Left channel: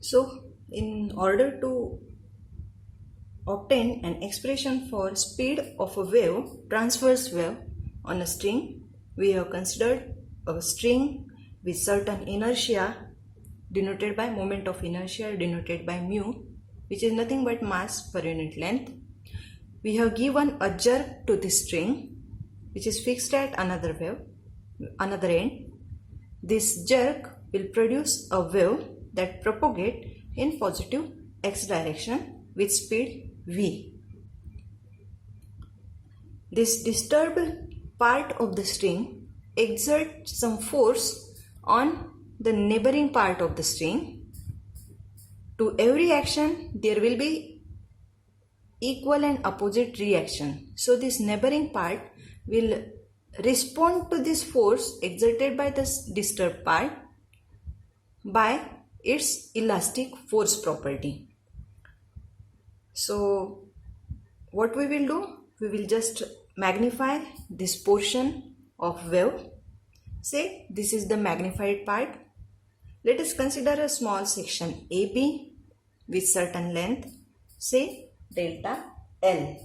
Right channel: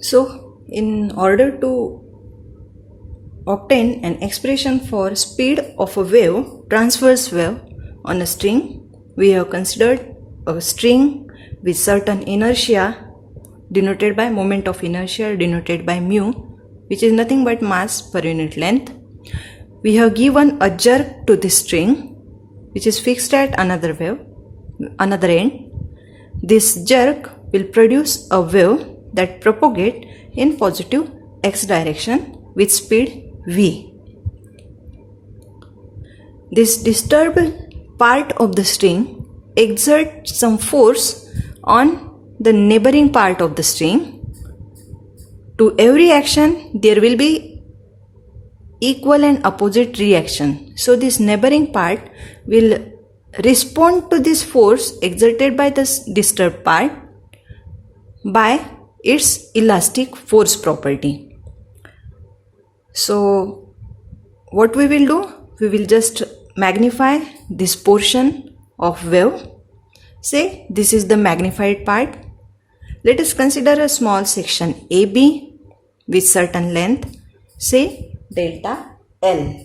So in order to obtain an expression for speed of a wave, transverse wave on a string, we have considered a string with certain inertia denoted by moment of inertia denoted by mu, which is nothing but mass per unit length. We have given a jerk to this string which is fixed at another end. This jerk will produce a wave that propagates in positive x direction with speed v. This disturbed part of the string exerts some force on the neighboring part of the string. To every action there will be equal and opposite reaction. So this neighboring part will respond to this force exerted by this disturbed part by its elastic force property. So what we will do? We will just magnify this portion of wave. Say this is the magnified part. Let us consider a small section AB with certain length, say delta L.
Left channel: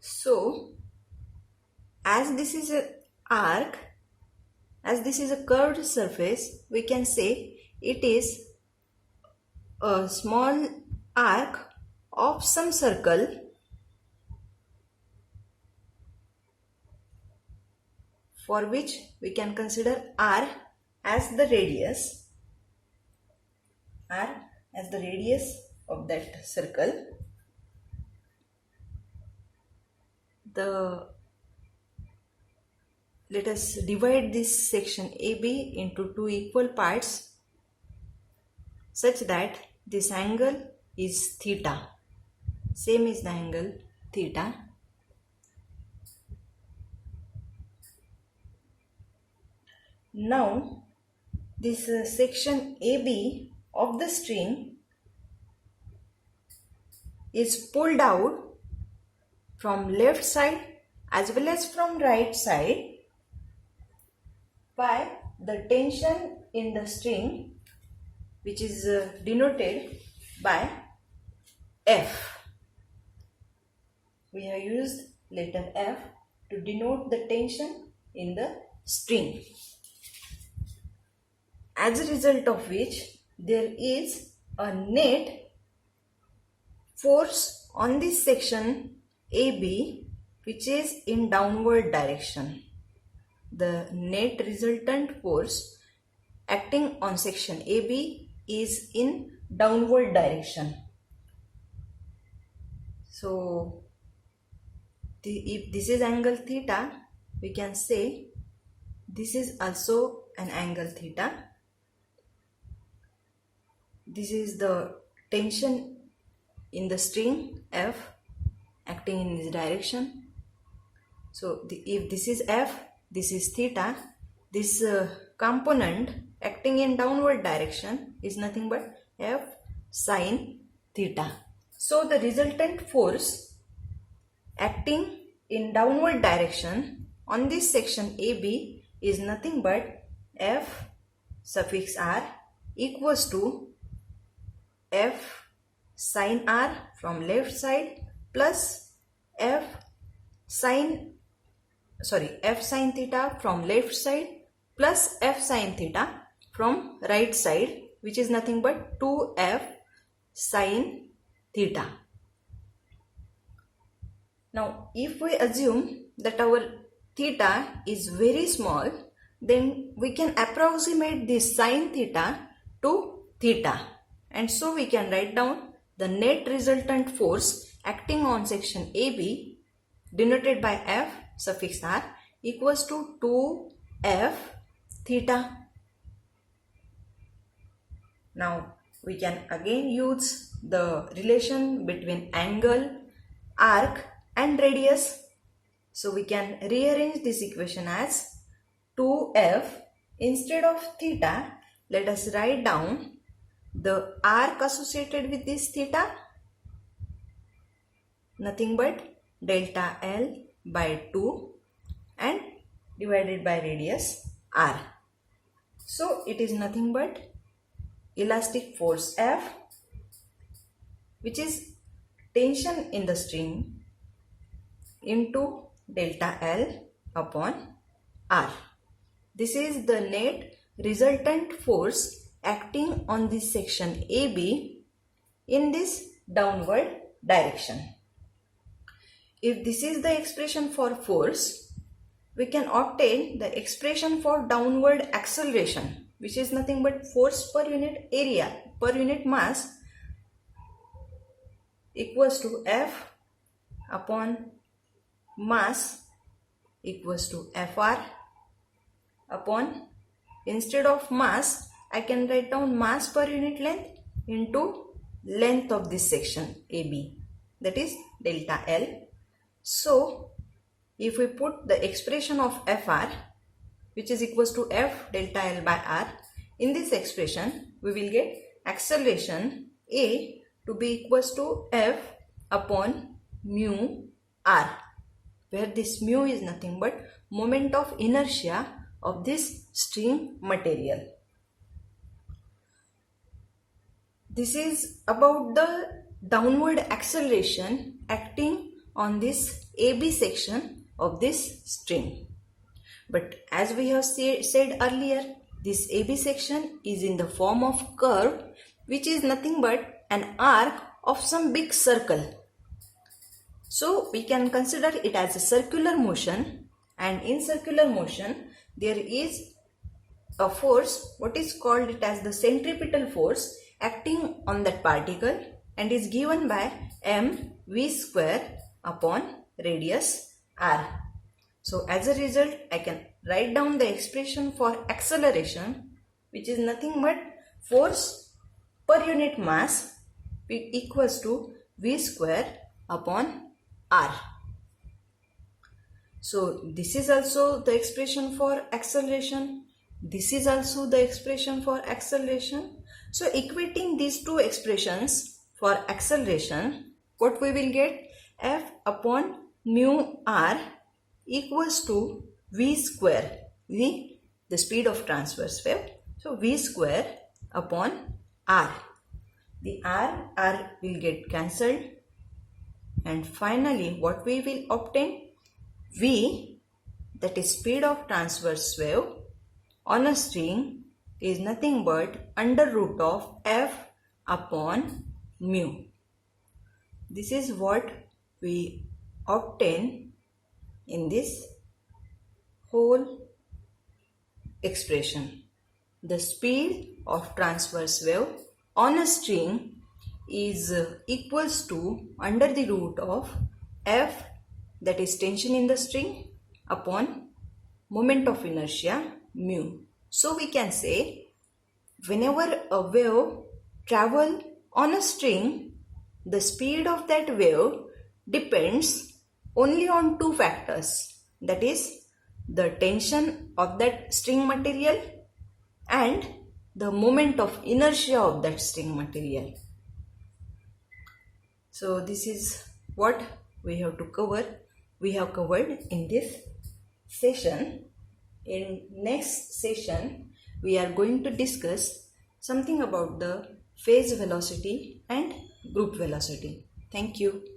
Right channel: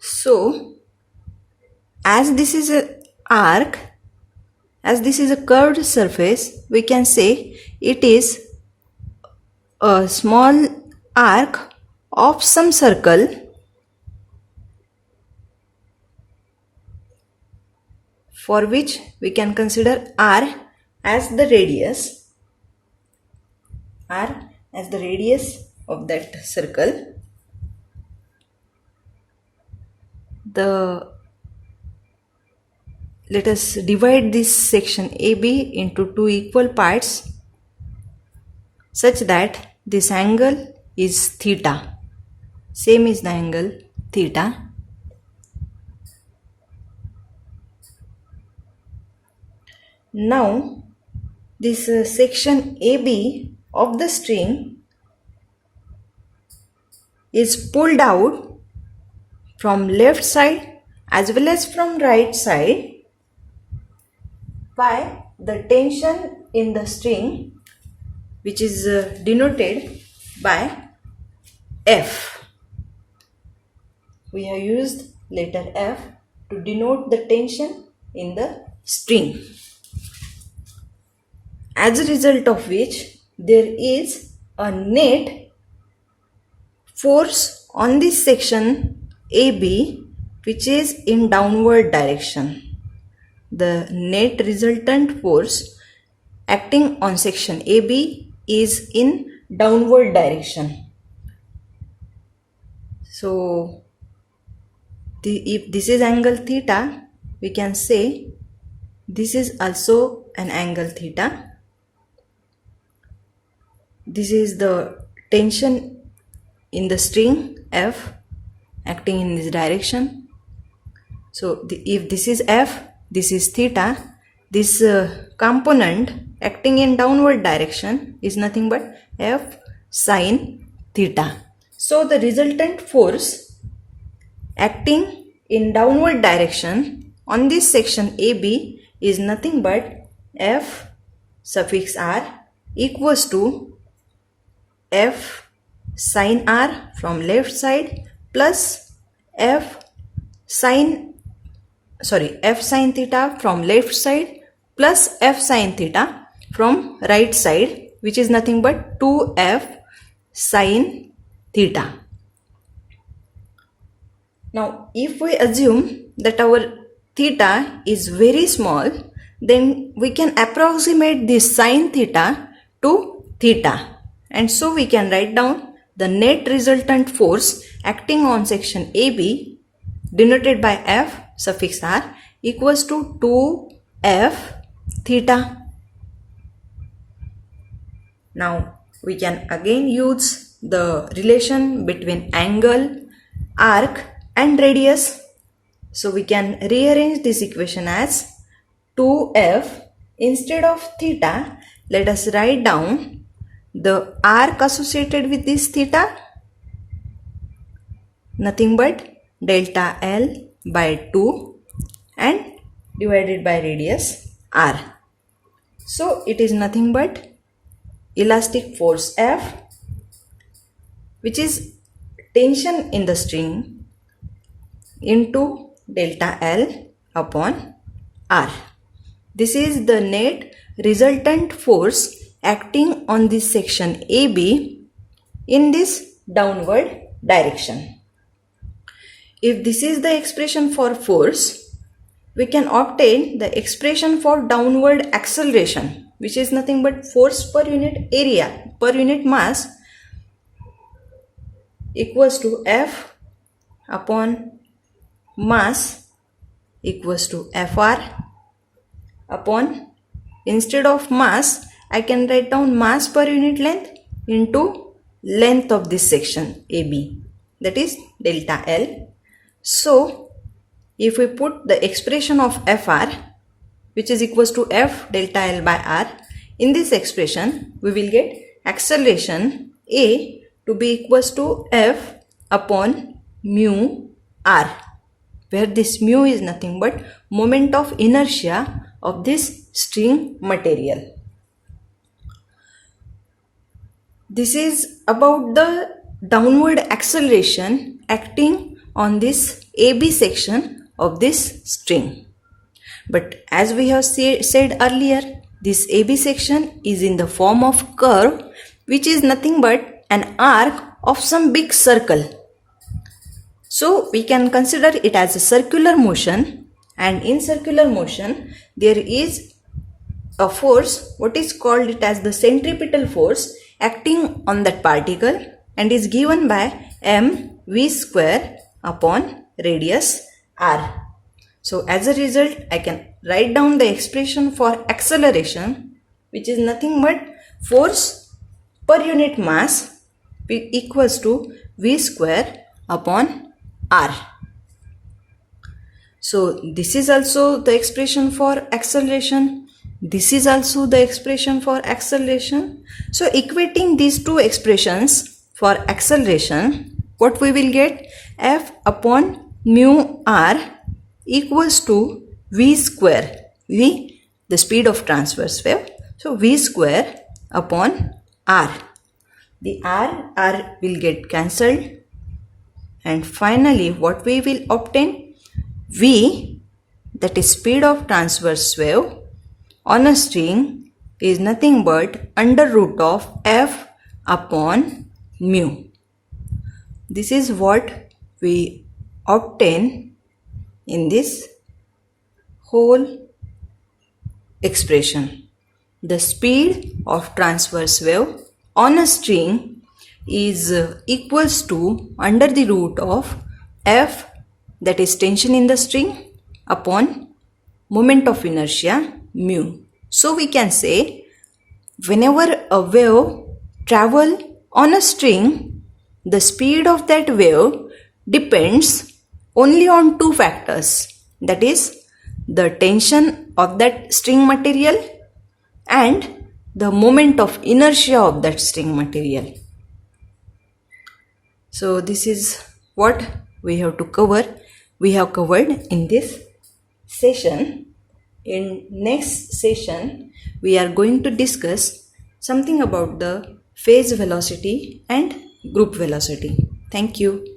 So as this is a arc, as this is a curved surface, we can say it is a small arc of some circle for which we can consider R as the radius, of that circle. Let us divide this section AB into two equal parts such that this angle is theta. Same is the angle theta. Now this section AB of the string is pulled out from left side as well as from right side by the tension in the string, which is denoted by F. We have used letter F to denote the tension in the string, as a result of which there is a net force on this section AB which is in downward direction. The net resultant force acting on section AB is in downward direction. So if this is angle theta, we can say this is also an angle theta. This is the tension in the string F acting in this direction. So if this is F, this is theta, this component acting in downward direction is nothing but F sine theta. So the resultant force acting in downward direction on this section AB is nothing but F suffix R equals to F sine R from left side plus F sine theta from left side plus F sine theta from right side, which is nothing but 2F sine theta. Now if we assume that our theta is very small, then we can approximate this sine theta to theta, and so we can write down the net resultant force acting on section AB denoted by F suffix R equals to 2F theta. Now we can again use the relation between angle, arc and radius. So we can rearrange this equation as 2F instead of theta. Let us write down the arc associated with this theta. nothing but delta L by 2 and divided by radius r. So it is nothing but elastic force F, which is tension in the string, into delta L upon r. This is the net resultant force acting on this section AB in this downward direction. If this is the expression for force, we can obtain the expression for downward acceleration, which is nothing but force per unit area, per unit mass, equals to F upon mass equals to Fr upon, instead of mass, I can write down mass per unit length into length of this section AB, that is delta L. So if we put the expression of Fr, which is equals to F delta L by R, in this expression we will get acceleration A to be equals to F upon mu R, where this mu is nothing but moment of inertia of this string material. This is about the downward acceleration acting on this AB section of this string. But as we have said earlier, this AB section is in the form of curve, which is nothing but an arc of some big circle. So we can consider it as a circular motion, and in circular motion there is a force, what is called it as the centripetal force, acting on that particle and is given by mv square upon radius r. So as a result, I can write down the expression for acceleration, which is nothing but force per unit mass equals to v square upon r. So this is also the expression for acceleration. This is also the expression for acceleration. So equating these two expressions for acceleration, what we will get? F upon mu r equals to v square. V, the speed of transverse wave. So v square upon r. The r will get cancelled. And finally, what we will obtain? V, that is speed of transverse wave on a string, is nothing but under root of F upon mu. This is what we obtain in this whole expression. The speed of transverse wave on a string is equals to under the root of F, that is tension in the string, upon moment of inertia mu. So we can say whenever a wave travels on a string, the speed of that wave depends only on two factors, that is the tension of that string material and the moment of inertia of that string material. So this is what we have to cover. We have covered in this session. In next session, we are going to discuss something about the phase velocity and group velocity. Thank you.